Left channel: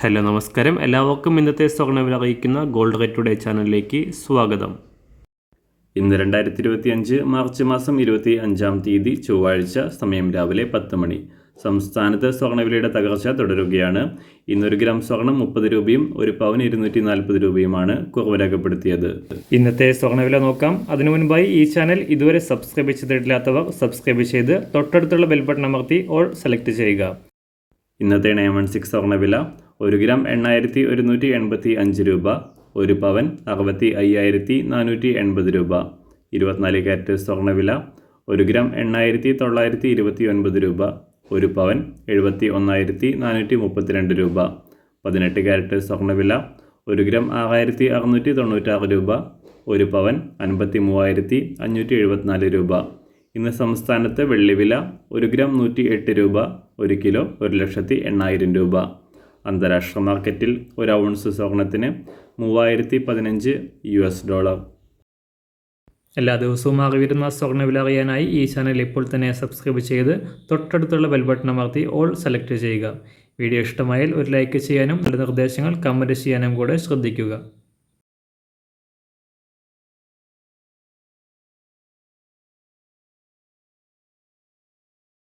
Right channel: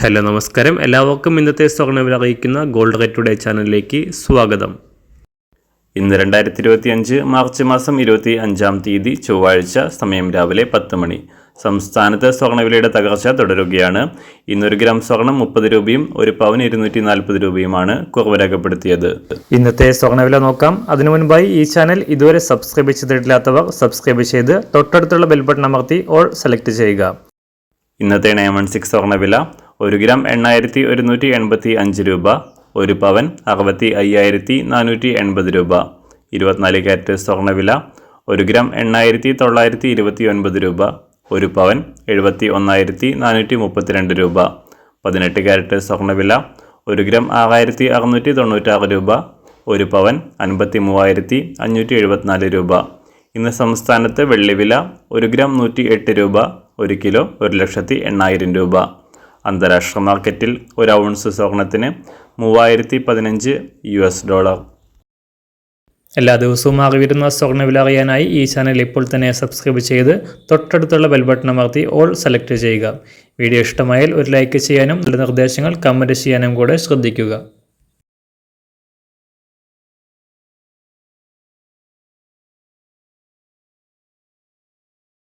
Hello നമസ്കാരം, എല്ലാവർക്കും ഇന്നത്തെ സ്വർണ്ണവില അറിയിക്കുന്ന ഗോൾഡ് റേറ്റ് ടുഡേ ചാനലിലേക്ക് സ്വാഗതം. ഇന്ന് 2025 മാർച്ച് മാസം 25-ാം തീയതി ചൊവ്വാഴ്ച, സമയം രാവിലെ 10 മണി. സംസ്ഥാനത്ത് സ്വർണ്ണവിലയുടെ തകർച്ച തുടരുകയാണ്. ഇന്നൊരു ഗ്രാം സ്വർണം 30 രൂപയും ഒരു പവൻ 240 രൂപയുമാണ് കുറവ് രേഖപ്പെടുത്തിയത്. ഇന്നത്തെ സ്വർണ്ണവില നോക്കാം. അതിനു മുൻപായി ഈ ചാനൽ ഇതുവരെ സബ്സ്ക്രൈബ് ചെയ്തിട്ടില്ലാത്തവർ സബ്സ്ക്രൈബ് ചെയ്ത് തൊട്ടടുത്തുള്ള ബെൽ ബട്ടൺ അമർത്തി ഓൾ സെലക്ട് ചെയ്യുക. ഇന്നത്തെ 916 സ്വർണ്ണവില 1 ഗ്രാം 8185 രൂപ, ഒരു പവൻ 65,480 രൂപ. 24 കാരറ്റ് സ്വർണ്ണവില 1 ഗ്രാം 8,929 രൂപ, ഒരു പവൻ 71,432 രൂപ. 18 കാരറ്റ് സ്വർണ്ണവില 1 ഗ്രാം 6,696 രൂപ, ഒരു പവൻ 53,574 രൂപ. ഇന്ന് സംസ്ഥാനത്ത് വെള്ളിവില 1 ഗ്രാം 108 രൂപ, 1 കിലോ 1,80,000 രൂപ. അന്താരാഷ്ട്ര മാർക്കറ്റിൽ ഒരു ഔൺസ് സ്വർണത്തിന് $3,015. എല്ലാ ദിവസവും അറിവിരുന്ന സ്വർണ്ണവില അറിയാനായി ഈ ചാനൽ ഇപ്പോൾ തന്നെ സബ്സ്ക്രൈബ് ചെയ്ത് തൊട്ടടുത്തുള്ള ബെൽ ബട്ടൺ അമർത്തി ഓൾ സെലക്ട് ചെയ്യുക. വീഡിയോ ഇഷ്ടമായാൽ ഒരു ലൈക്ക് ചെയ്യാനും നല്ല നിർദ്ദേശങ്ങൾ കമൻറ്റ് ചെയ്യാനും കൂടെ ശ്രദ്ധിക്കുക.